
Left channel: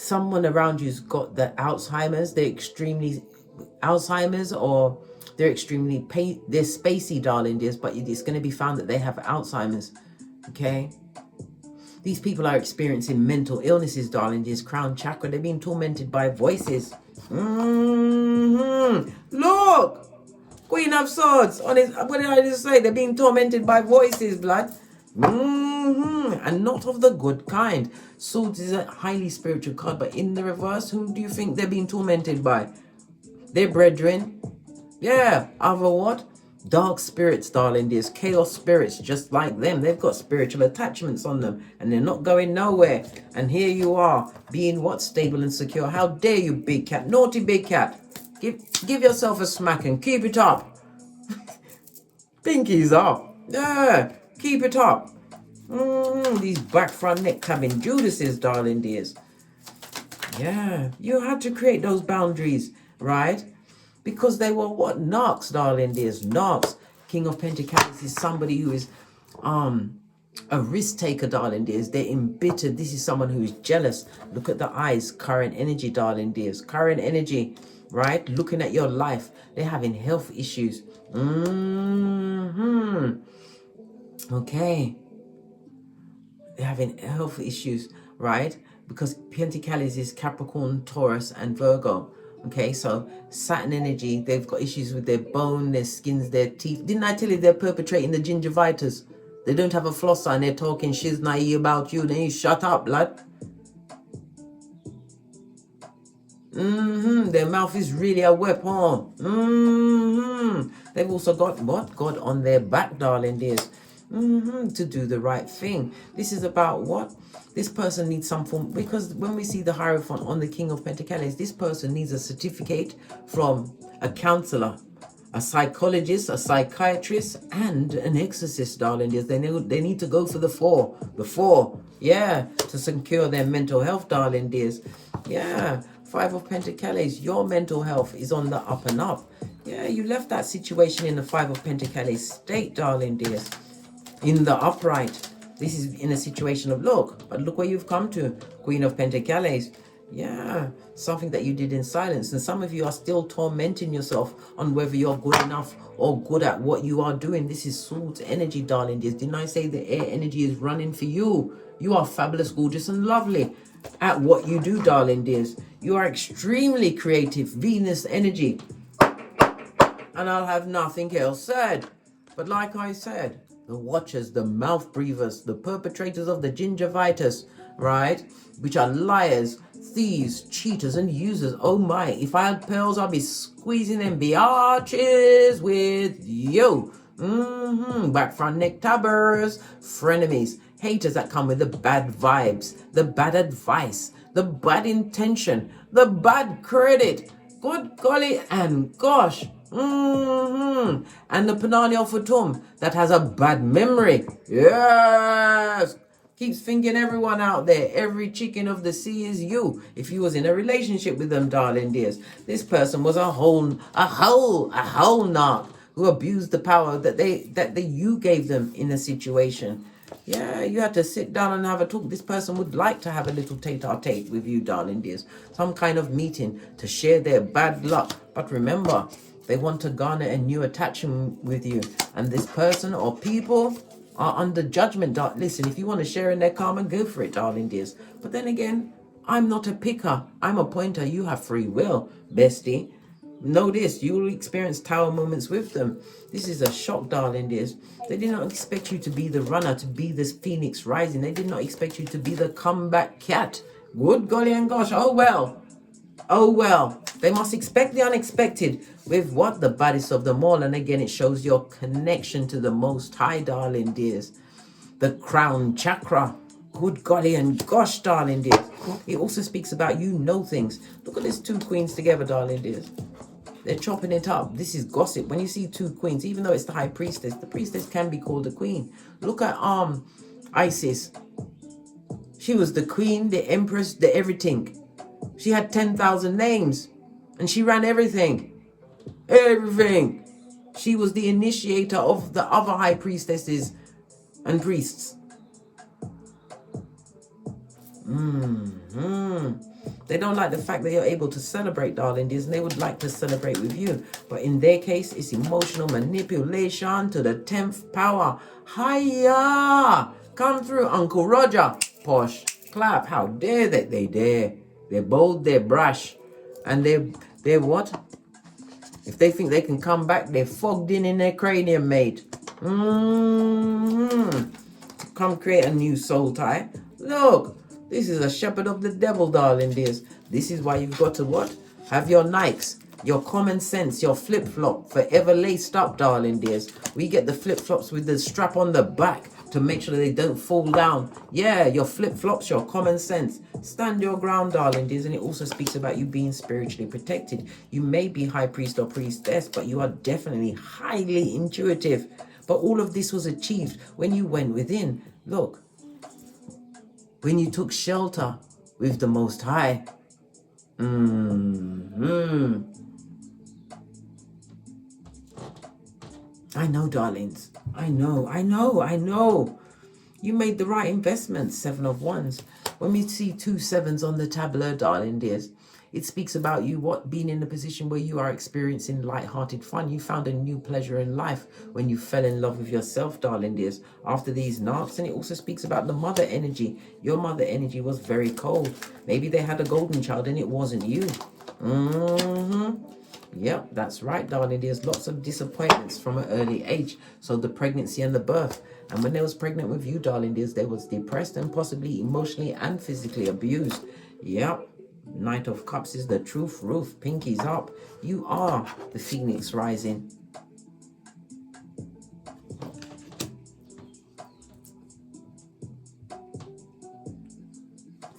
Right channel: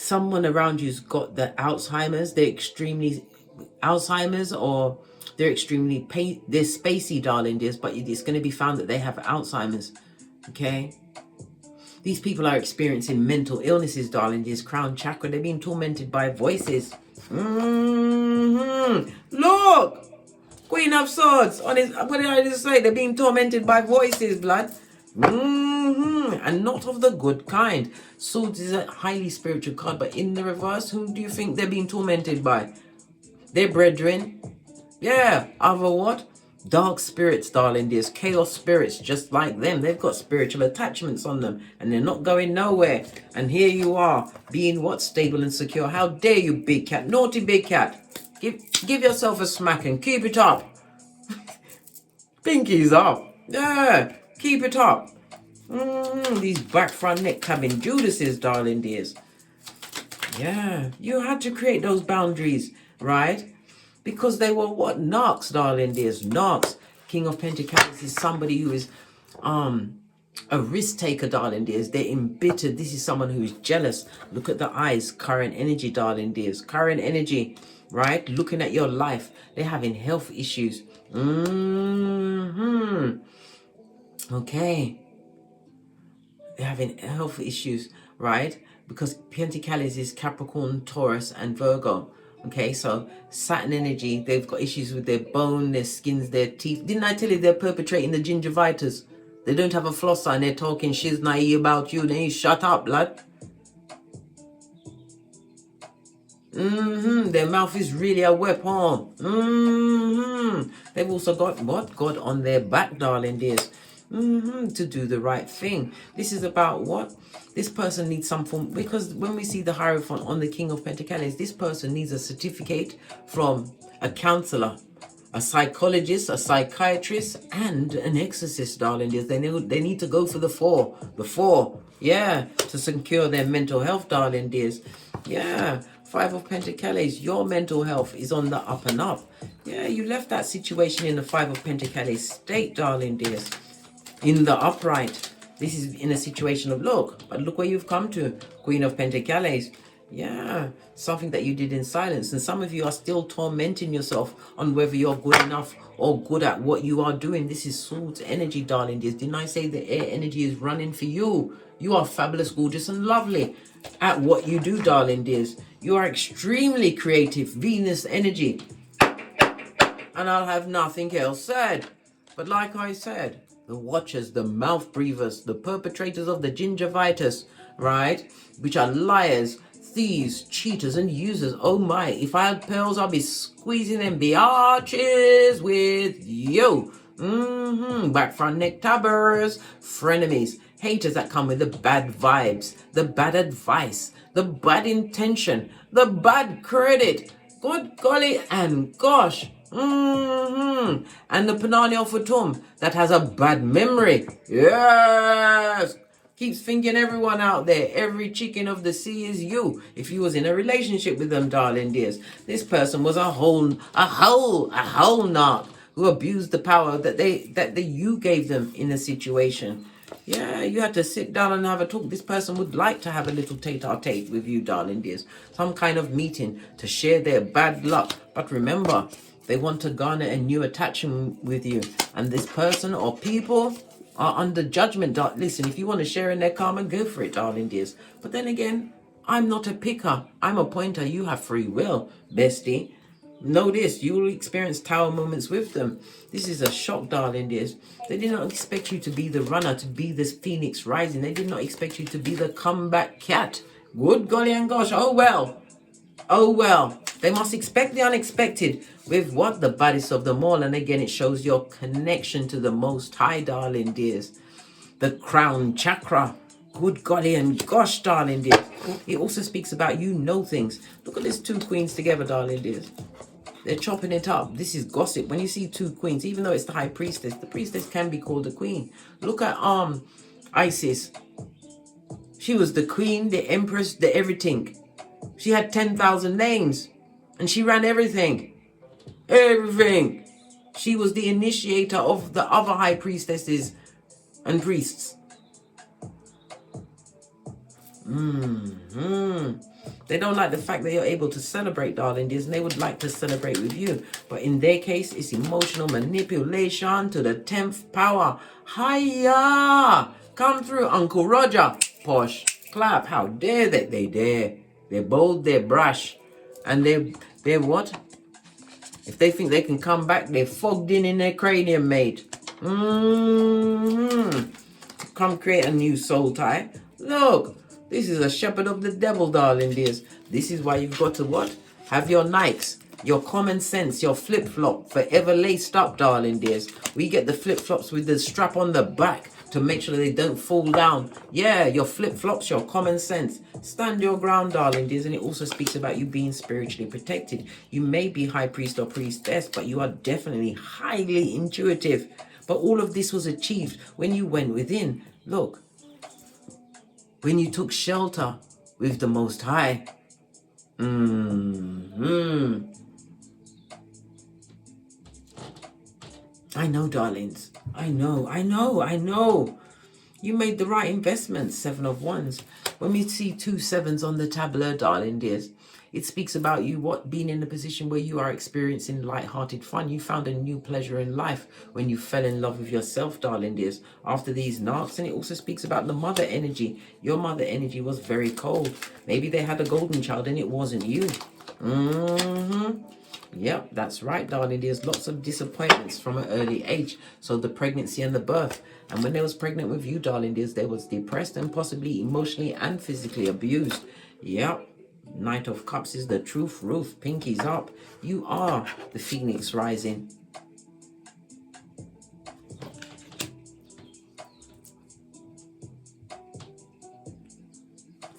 Someone around you's got the Alzheimer's. They're extremely Alzheimer's, or they're extremely they're spacey, darling dears, but it's going to be found that they have Alzheimer's. Okay. These people are experiencing mental illnesses, darling dears. Crown chakra. They're being tormented by voices. Look! Queen of Swords. What did I just say? They're being tormented by voices, blood. And not of the good kind. Swords is a highly spiritual card, but in the reverse, who do you think they're being tormented by? Their brethren. Yeah, other what? Dark spirits, darling, there's chaos spirits just like them. They've got spiritual attachments on them and they're not going nowhere. And here you are being what? Stable and secure. How dare you, big cat? Naughty big cat. Give yourself a smack and keep it up. Pinkies up. Yeah, keep it up. These back front neck clapping Judases, darling dears. Yeah, you had to create those boundaries, right? Because they were what? Narcs, darling dears. Narcs. King of Pentacles is somebody who is a risk taker, darling dears. They're embittered. This is someone who is jealous. Look at the eyes. Current energy, darling dears. Current energy, right? Looking at your life. They're having health issues. Okay. They're having health issues, right? Because Pentacles is Capricorn, Taurus, and Virgo. Okay, so Saturn energy, they've got issues with their bone, their skins, their teeth. Didn't I tell you they're perpetrating the gingivitis? They don't have a flosser and they're talking shiznai about you. Then you shut up, lad. Their mouth is really a weapon. They've also got what? God on their back, darling dears. To do the right thing. This is about what? This person needs some form, because when we see the Hierophant on the King of Pentacles, this person needs a certificate from a counselor, a psychologist, a psychiatrist, and an exorcist, darling dears. They need to go for the four, yeah, to secure their mental health, darling dears. Yeah, Five of Pentacles, your mental health is on the up and up. Yeah, you left that situation in the Five of Pentacles state, darling dears. In the upright, this is in a situation of look where you've come to, Queen of Pentacles. Yeah, something that you did in silence, and some of you are still tormenting yourself on whether you're good enough or good at what you are doing. This is Swords energy, darling dears. Didn't I say the air energy is running for you? You are fabulous, gorgeous, and lovely at what you do, darling dears. You are extremely creative, Venus energy, and I'll have nothing else said. But like I said, the watchers, the mouth breathers, the perpetrators of the gingivitis, right? Which are liars, thieves, cheaters, and users. Oh my, if I had pearls, I'd be squeezing them biatches with you. Back front neck tabbers, frenemies, haters that come with the bad vibes, the bad advice, the bad intention, the bad credit. Good golly and gosh. And the Panania Futum that has a bad memory. Yes. Keeps thinking everyone out there, every chicken of the sea is you. If you was in a relationship with them, darling dears, this person was a whole narc who abused the power that you gave them in a situation. Yeah, you had to sit down and have a talk. This person would like to have a little tete-a-tete with you, darling dears. Some kind of meeting to share their bad luck. But remember, they want to garner a new attachment with you. And this person or people are under judgment. Listen, if you want to share in their karma, go for it, darling dears. But then again, I'm not a picker. I'm a pointer. You have free will, bestie. Know this, you will experience tower moments with them. This is a shock, darling dears. They did not expect you to be the runner, to be this phoenix rising. They did not expect you to be the comeback cat. Good golly and gosh, oh well. Oh well. They must expect the unexpected with what? The baddest of them all. And again, it shows your connection to the Most High, darling dears. The crown chakra. Good golly and gosh, darling dears. It also speaks about you know things. Look at these two queens together, darling dears. They're chopping it up. This is gossip. When you see two queens, even though it's the high priestess, the priestess can be called a queen. Look at Isis. She was the queen, the empress, the everything. She had 10,000 names. And she ran everything. Everything. She was the initiator of the other high priestesses and priests. They don't like the fact that you're able to celebrate, darling dears, and they would like to celebrate with you. But in their case, it's emotional manipulation to the 10th power. Hiya! Come through, Uncle Roger. Posh. Clap. How dare they? They dare. They're bold, they're brash. And they're what? If they think they can come back, they're fogged in their cranium, mate. Come create a new soul tie. Look. This is a shepherd of the devil, darling dears. This is why you've got to what? Have your Nikes. Your common sense, your flip-flop, forever laced up, darling dears. We get the flip-flops with the strap on the back to make sure they don't fall down. Yeah, your flip-flops, your common sense. Stand your ground, darling dears. And it also speaks about you being spiritually protected. You may be high priest or priestess, but you are definitely highly intuitive. But all of this was achieved when you went within. Look, when you took shelter with the Most High. I know, darlings. I know. You made the right investments, 7 of Wands. When we see 2 sevens on the tableau, darling dears, it speaks about you being in a position where you are experiencing light-hearted fun. You found a new pleasure in life when you fell in love with yourself, darling dears, after these knocks. And it also speaks about the mother energy. Your mother energy was very cold. Maybe they had a golden child and it wasn't you. Yep, that's right, darling. There's lots of disappointments from an early age. So the pregnancy and the birth. And when they was pregnant with you, darling, they was depressed and possibly emotionally and physically abused. Yep. Knight of Cups is the truth roof. Pinkies up. You are the phoenix rising.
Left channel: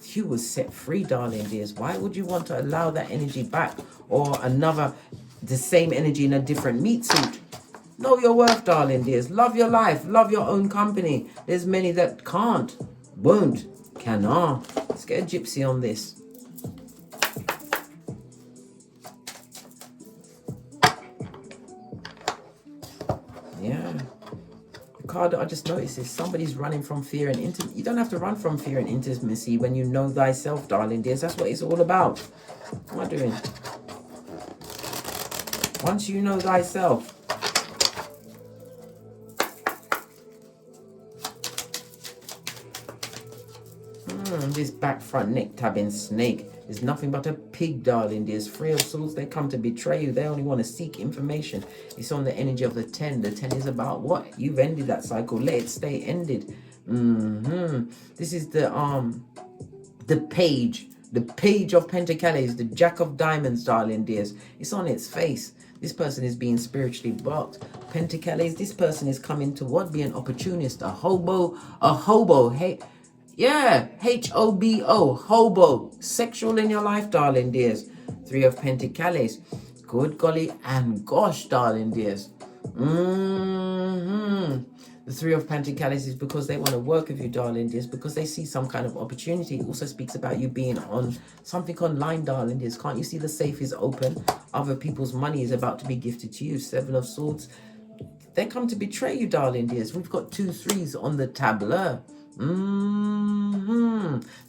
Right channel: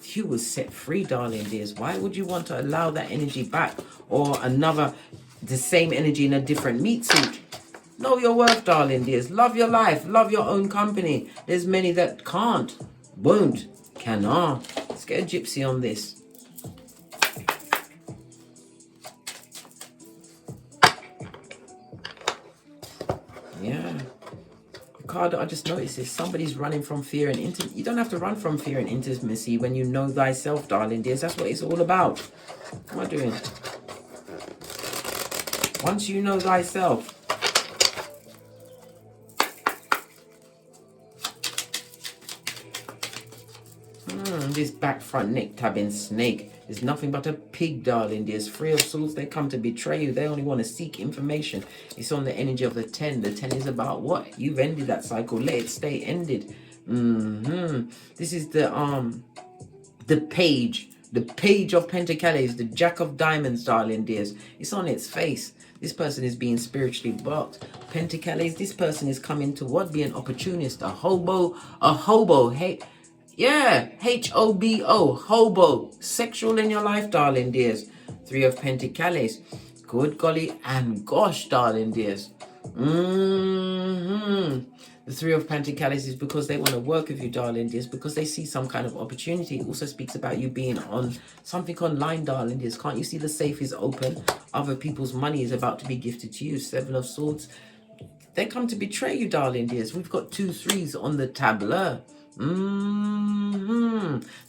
You was set free, darling dears. Why would you want to allow that energy back, or the same energy in a different meat suit? Know your worth, darling dears. Love your life. Love your own company. There's many that can't, won't, cannot. Let's get a gypsy on this. Yeah. Card I just noticed is somebody's running from fear and intimacy. You don't have to run from fear and intimacy when you know thyself, darling dears. That's what it's all about. What am I doing? Once you know thyself. This back front neck tabbing snake is nothing but a pig, darling dears. 3 of Swords, they come to betray you. They only want to seek information. It's on the energy of the 10. The 10 is about what? You've ended that cycle. Let it stay ended. This is the page. The page of Pentacles, the Jack of Diamonds, darling dears. It's on its face. This person is being spiritually blocked. Pentacles, this person is coming to what? Be an opportunist, a hobo. Hey. Yeah, H-O-B-O, hobo, sexual in your life, darling dears. 3 of Pentacles, good golly and gosh, darling dears. The 3 of Pentacles is because they want to work with you, darling dears, because they see some kind of opportunity. It also speaks about you being on something online, darling dears. Can't you see the safe is open? Other people's money is about to be gifted to you. 7 of Swords, they come to betray you, darling dears. We've got 2 3s on the tableau.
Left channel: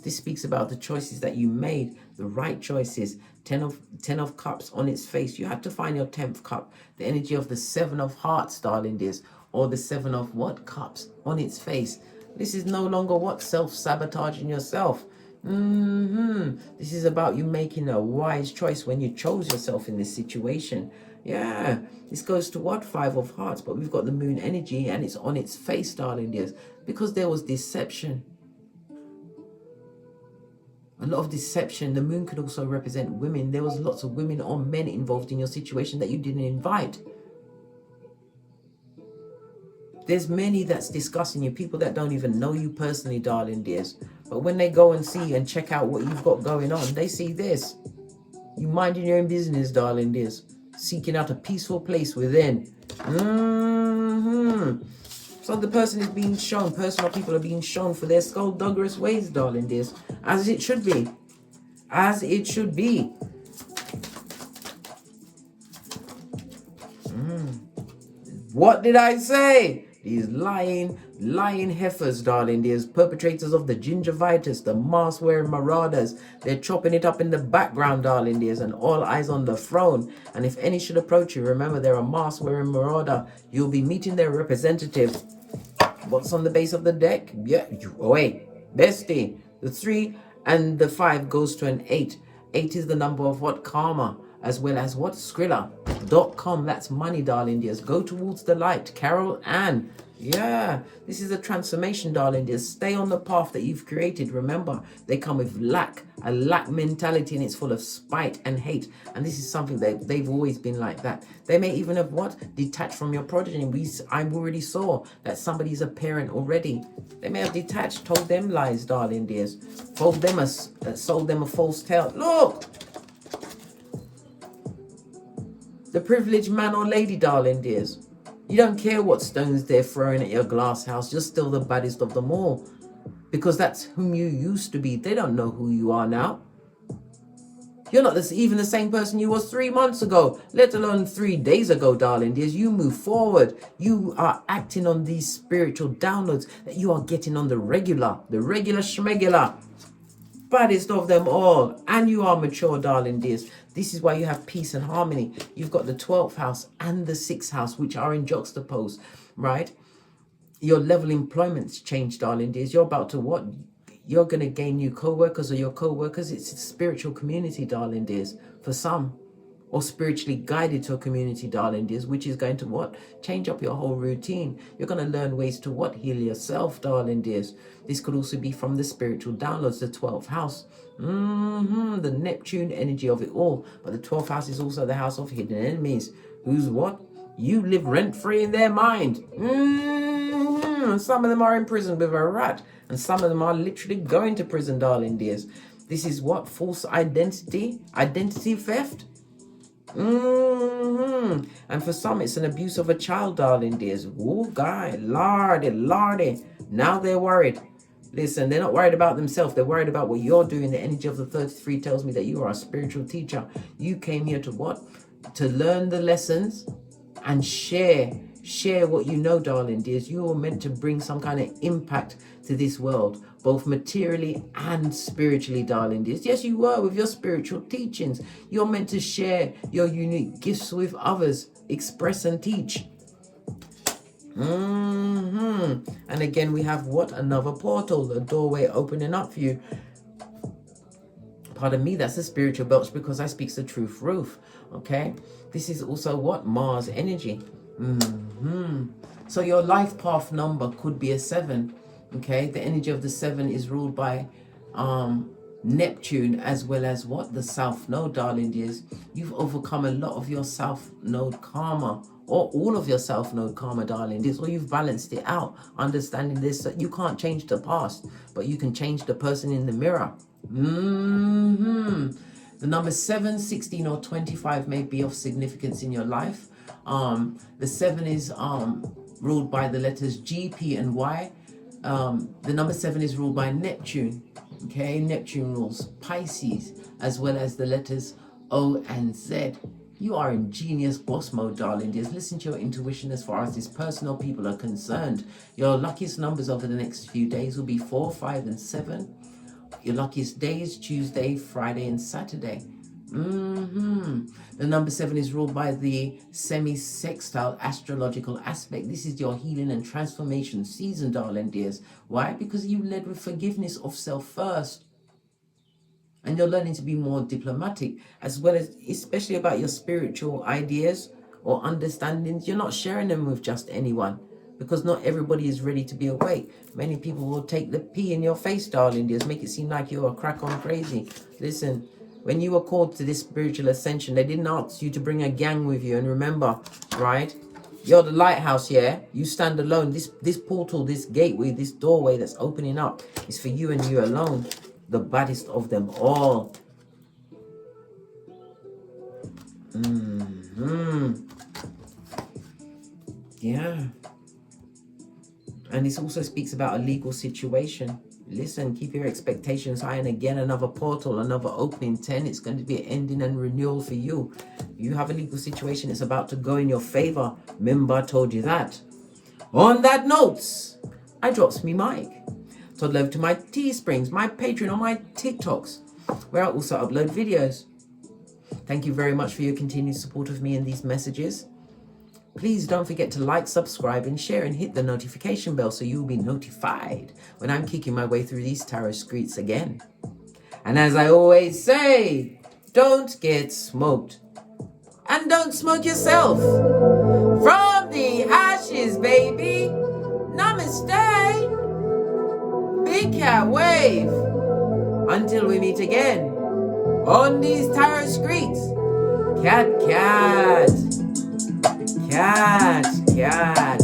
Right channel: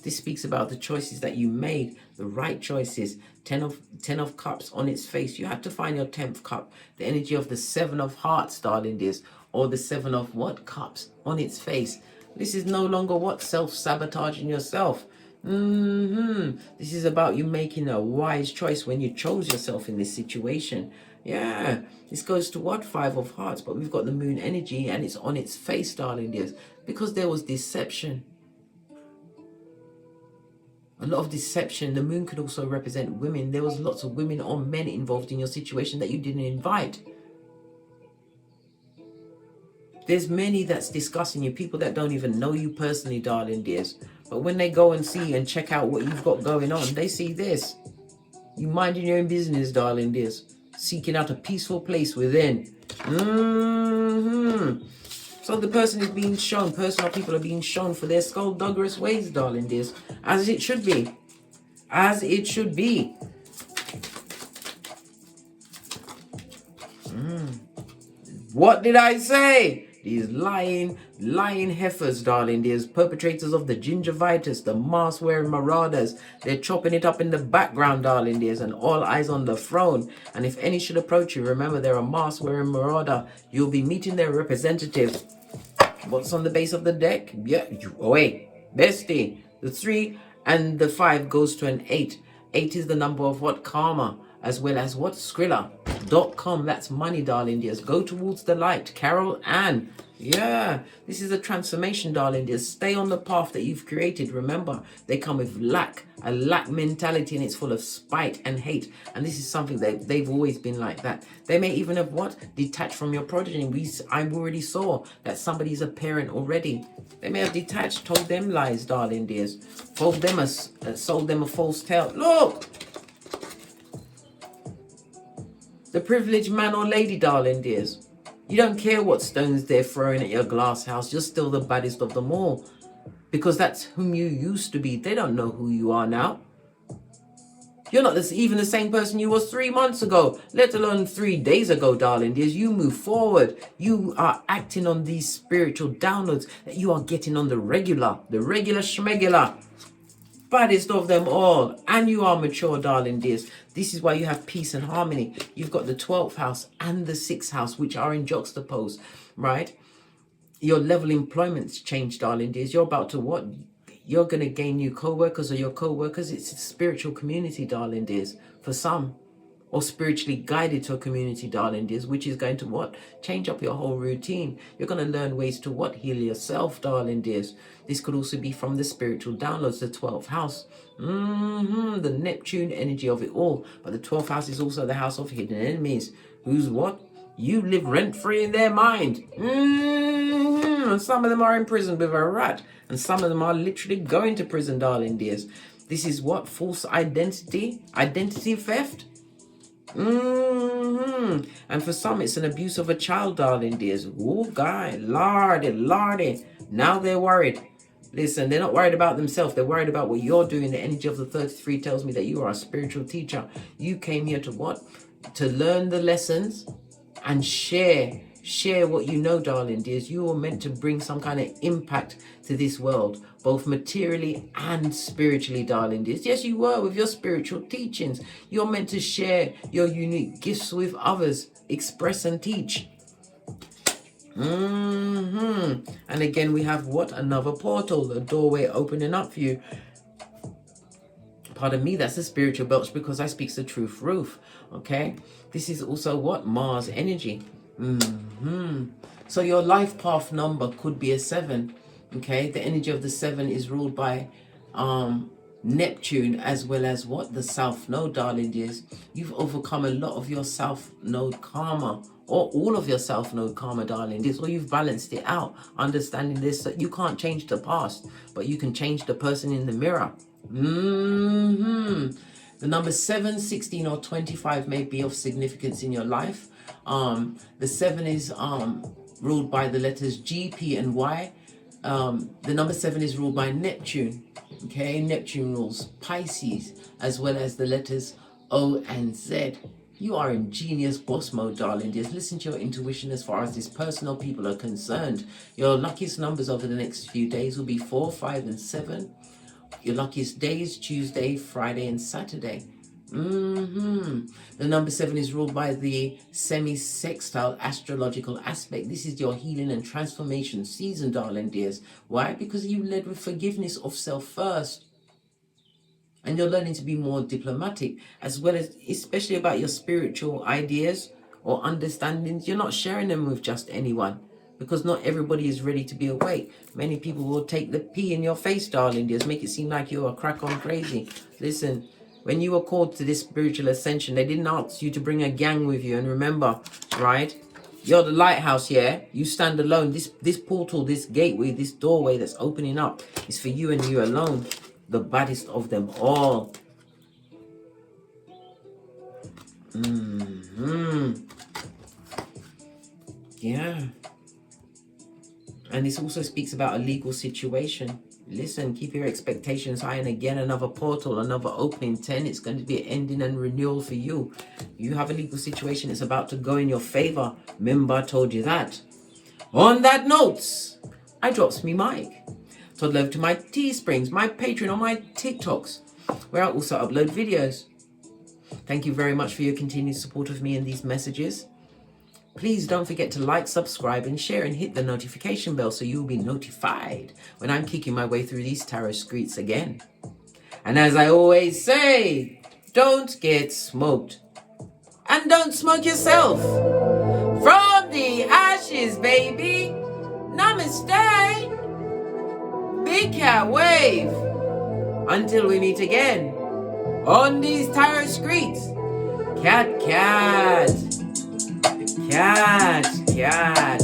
This speaks about the choices that you made, the right choices. 10 of Cups on its face. You have to find your 10th cup. The energy of the 7 of Hearts, darling dears, or the 7 of what? Cups on its face. This is no longer what? Self-sabotaging yourself. This is about you making a wise choice when you chose yourself in this situation. Yeah, this goes to what? 5 of Hearts, but we've got the moon energy and it's on its face, darling dears, because there was deception. A lot of deception. The moon could also represent women. There was lots of women or men involved in your situation that you didn't invite. There's many that's discussing you, people that don't even know you personally, darling dears. But when they go and see and check out what you've got going on, they see this. You minding your own business, darling dears. Seeking out a peaceful place within. So the person is being shown, personal people are being shown for their skullduggerous ways, darling dears. As it should be. As it should be. What did I say? These lying heifers, darling dears, perpetrators of the gingivitis, the mask-wearing marauders. They're chopping it up in the background, darling dears, and all eyes on the throne. And if any should approach you, remember they're a mask-wearing marauder. You'll be meeting their representative. What's on the base of the deck? Yeah, wait, bestie. The 3 and the 5 goes to an 8. 8 is the number of what? Karma. as well as what? Skrilla.com. That's money, darling dears. Go towards the light. Carol Ann. Yeah, this is a transformation, darling dears. Stay on the path that you've created. Remember, they come with a lack mentality, and it's full of spite and hate. And this is something that they've always been like that. They may even have what? Detached from your progeny. I already saw that somebody's a parent already. They may have detached, told them lies, darling dears. Sold them a false tale. Look! The privileged man or lady, darling dears. You don't care what stones they're throwing at your glass house. You're still the baddest of them all. Because that's whom you used to be. They don't know who you are now. You're not even the same person you was 3 months ago, let alone 3 days ago, darling dears. You move forward. You are acting on these spiritual downloads that you are getting on the regular schmegular. Baddest of them all. And you are mature, darling dears. This is why you have peace and harmony. You've got the 12th house and the 6th house, which are in juxtapose, right? Your level of employment's changed, darling dears. You're about to what? You're going to gain new co-workers, or your co-workers. It's a spiritual community, darling dears, for some. Or spiritually guided to a community, darling dears, which is going to what? Change up your whole routine. You're going to learn ways to what? Heal yourself, darling dears. This could also be from the spiritual downloads, the 12th house. The Neptune energy of it all. But the 12th house is also the house of hidden enemies. Who's what? You live rent-free in their mind. And some of them are in prison with a rat. And some of them are literally going to prison, darling dears. This is what? False identity theft. And for some, it's an abuse of a child, darling dears. Oh, guy, lardy. Now they're worried. Listen, they're not worried about themselves. They're worried about what you're doing. The energy of the 33 tells me that you are a spiritual teacher. You came here to what? To learn the lessons and share what you know, darling dears. You are meant to bring some kind of impact to this world, both materially and spiritually, darling dears. Yes, you were with your spiritual teachings. You're meant to share your unique gifts with others, express and teach. And again, we have what? Another portal, a doorway opening up for you. Pardon me, that's the spiritual belch, because I speak the truth roof. Okay, this is also what? Mars energy. So your life path number could be a 7. Okay, the energy of the 7 is ruled by Neptune, as well as what? The South Node, darling dears. You've overcome a lot of your South Node karma, or all of your South Node karma, darling dears, or you've balanced it out, understanding this, that you can't change the past, but you can change the person in the mirror. The number 7, 16, or 25 may be of significance in your life. The 7 is ruled by the letters G, P, and Y. The number 7 is ruled by Neptune. Okay, Neptune rules Pisces, as well as the letters O and Z. You are in genius boss mode, darling dears. Listen to your intuition as far as this personal people are concerned. Your luckiest numbers over the next few days will be 4, 5, and 7. Your luckiest days, Tuesday, Friday, and Saturday. The number 7 is ruled by the semi-sextile astrological aspect. This is your healing and transformation season, darling dears. Why? Because you led with forgiveness of self first. And you're learning to be more diplomatic, as well as, especially about your spiritual ideas or understandings. You're not sharing them with just anyone, because not everybody is ready to be awake. Many people will take the pee in your face, darling dears, make it seem like you're a crack on crazy. Listen, when you were called to this spiritual ascension, they didn't ask you to bring a gang with you. And remember, right, you're the lighthouse, yeah? You stand alone. This portal, this gateway, this doorway that's opening up is for you and you alone. The baddest of them all. Yeah. And this also speaks about a legal situation. Listen, keep your expectations high. And again, another portal, another opening 10. It's going to be an ending and renewal for you. You have a legal situation. It's about to go in your favor. Remember, I told you that. On that note, I drops me mic. So love to my Teesprings, my Patreon, or my TikToks, where I also upload videos. Thank you very much for your continued support of me in these messages. Please don't forget to like, subscribe, and share, and hit the notification bell so you'll be notified when I'm kicking my way through these tarot streets again. And as I always say, don't get smoked. And don't smoke yourself. From the ashes, baby. Namaste. Big cat wave. Until we meet again on these tarot streets. Cat, cat. Cat, cat.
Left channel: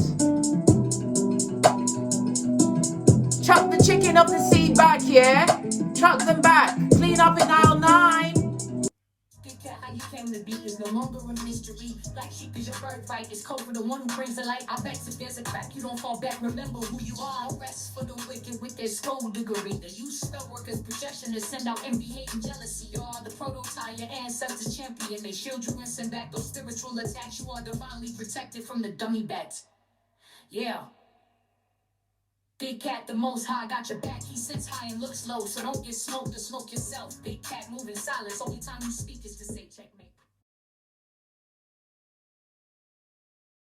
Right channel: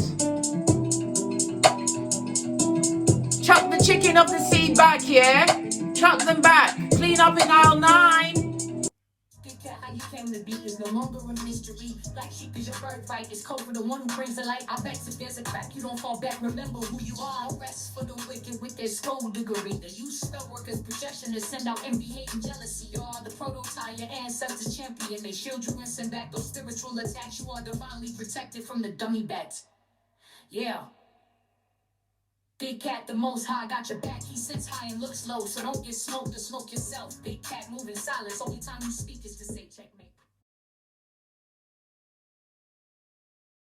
Chuck the chicken of the seed back, yeah? Chuck them back. Clean up in aisle 9. How you came to be is no longer a mystery. Black sheep is your birthright. It's code for the one who brings the light. I bet if there's a crack, you don't fall back. Remember who you are. No rest for the wicked with their skullduggery. The use spell workers' projection to send out envy, hate, and jealousy. You are the prototype, your ancestors champion. They shield you and send back those spiritual attacks. You are divinely protected from the dummy bats. Yeah. Big cat, the most high, got your back. He sits high and looks low, so don't get smoked or smoke yourself. Big cat moving silence. Only time you speak